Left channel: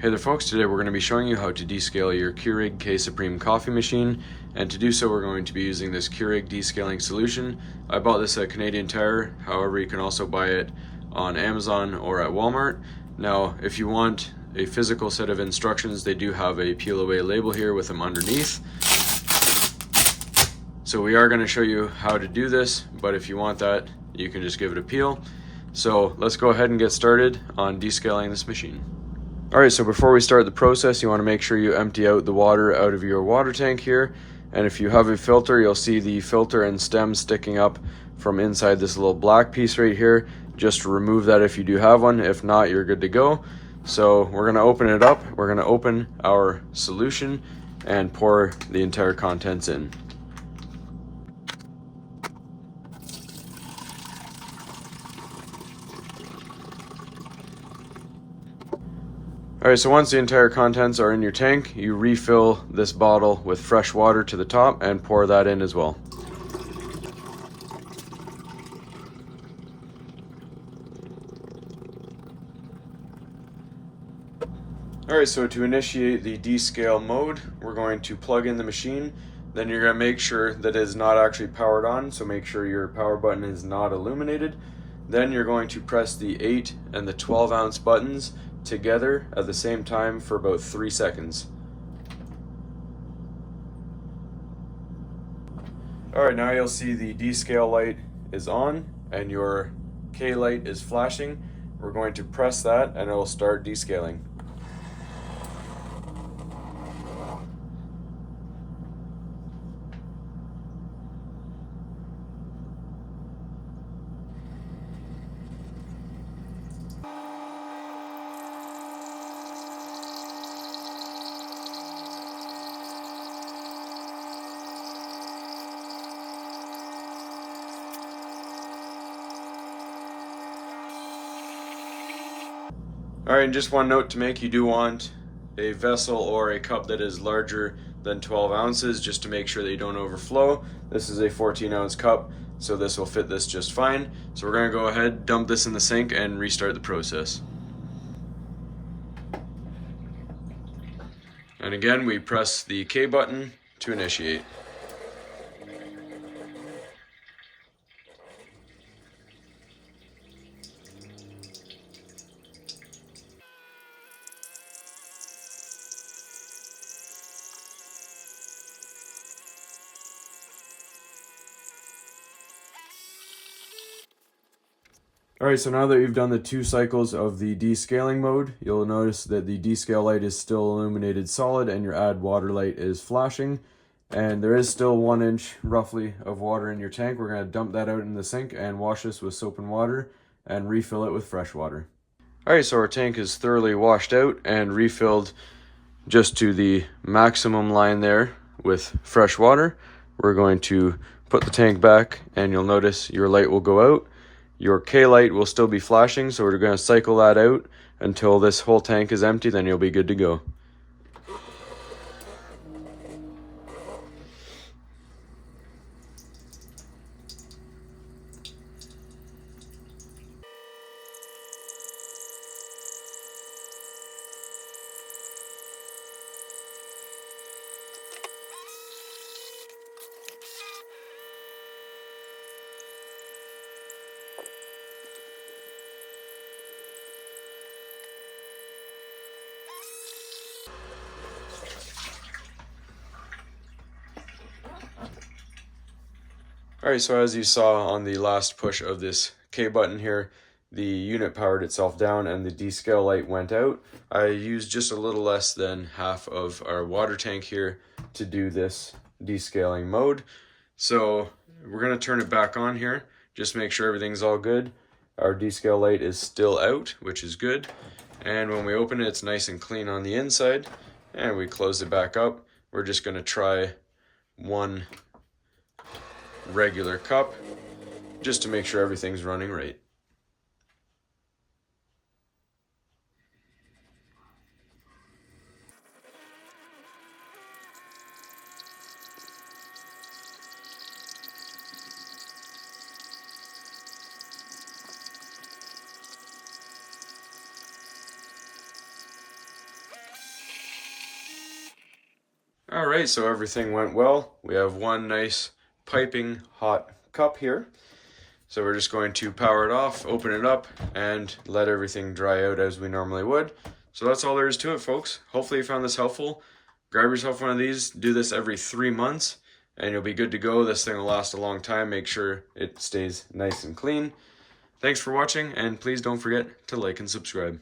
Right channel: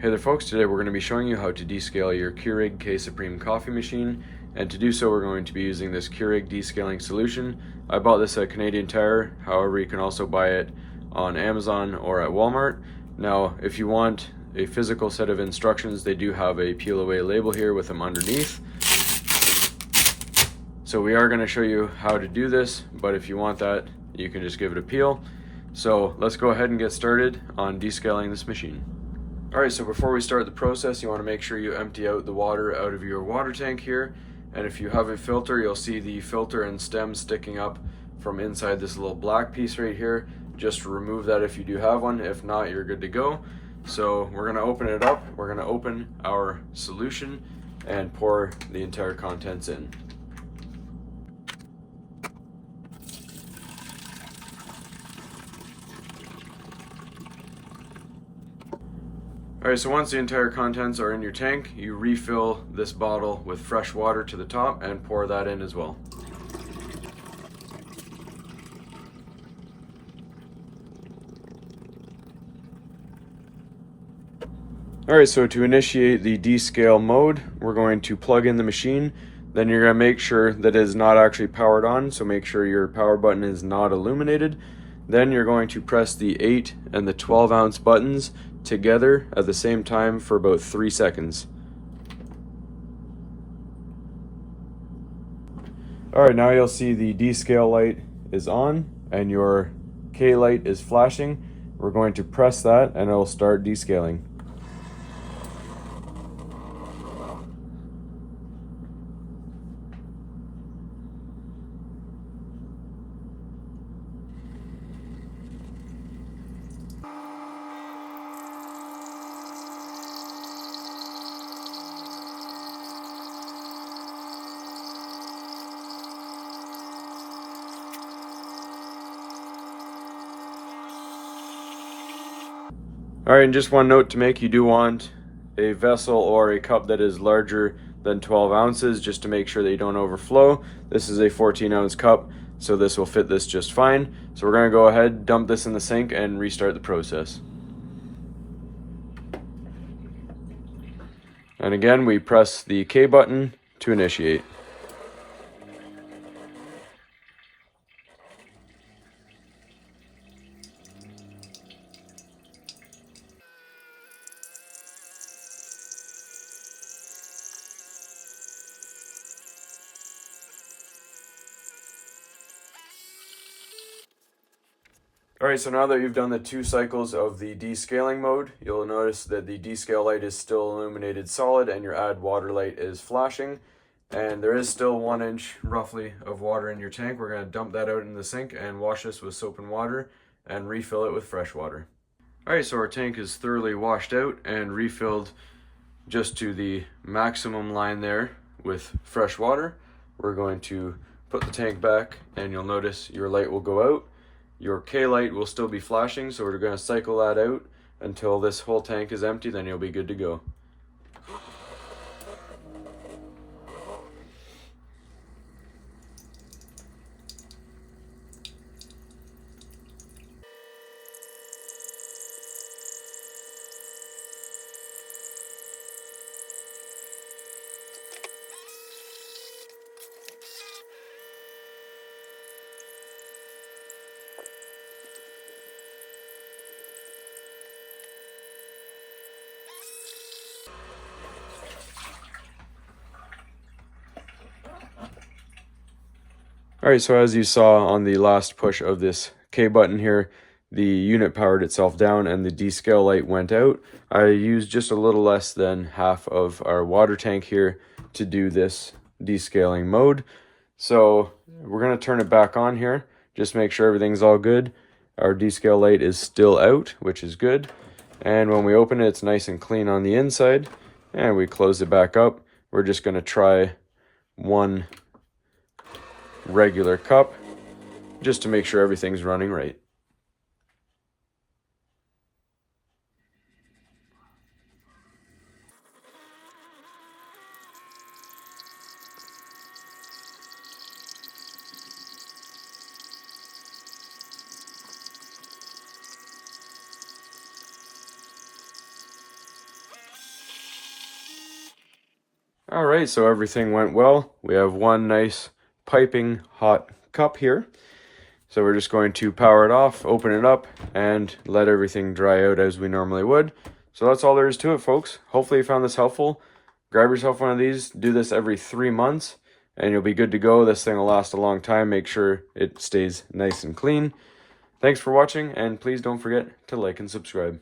Hey there folks, today we're going to be showing you how to descale your Keurig K Supreme coffee machine, and to do so we're going to be using this Keurig descaling solution. I bought this at Canadian Tire, however you can also buy it on Amazon or at Walmart. Now if you want a physical set of instructions, they do have a peel away label here with them underneath. So we are going to show you how to do this, but if you want that you can just give it a peel. So let's go ahead and get started on descaling this machine. Alright, so before we start the process, you want to make sure you empty out the water out of your water tank here. And if you have a filter, you'll see the filter and stem sticking up from inside this little black piece right here. Just remove that if you do have one. If not, you're good to go. So we're going to open it up. We're going to open our solution and pour the entire contents in. Alright, so once the entire contents are in your tank, you refill this bottle with fresh water to the top and pour that in as well. Alright, so to initiate the descale mode, we're going to plug in the machine. Then you're going to make sure that it is not actually powered on, so make sure your power button is not illuminated. Then you're going to press the 8 and the 12 ounce buttons together at the same time for about 3 seconds. Alright, now you'll see the descale light is on and your K light is flashing. We're going to press that and it'll start descaling. Alright, and just one note to make, you do want a vessel or a cup that is larger than 12 ounces just to make sure that you don't overflow. This is a 14 ounce cup, so this will fit this just fine. So we're going to go ahead, dump this in the sink and restart the process. And again, we press the K button to initiate. Alright, so now that you've done the 2 cycles of the descaling mode, you'll notice that the descale light is still illuminated solid and your add water light is flashing. And there is still 1 inch roughly of water in your tank. We're going to dump that out in the sink and wash this with soap and water and refill it with fresh water. Alright, so our tank is thoroughly washed out and refilled just to the maximum line there with fresh water. We're going to put the tank back and you'll notice your light will go out. Your K light will still be flashing, so we're going to cycle that out until this whole tank is empty, then you'll be good to go. Alright, so as you saw on the last push of this K button here, the unit powered itself down and the descale light went out. I used just a little less than half of our water tank here to do this descaling mode. So we're going to turn it back on here, just make sure everything's all good. Our descale light is still out, which is good. And when we open it, it's nice and clean on the inside. And we close it back up. We're just going to try one regular cup just to make sure everything's running right. All right, so everything went well. We have one nice piping hot cup here. So we're just going to power it off, open it up, and let everything dry out as we normally would. So that's all there is to it, folks. Hopefully you found this helpful. Grab yourself one of these, do this every 3 months, and you'll be good to go. This thing will last a long time. Make sure it stays nice and clean. Thanks for watching, and please don't forget to like and subscribe.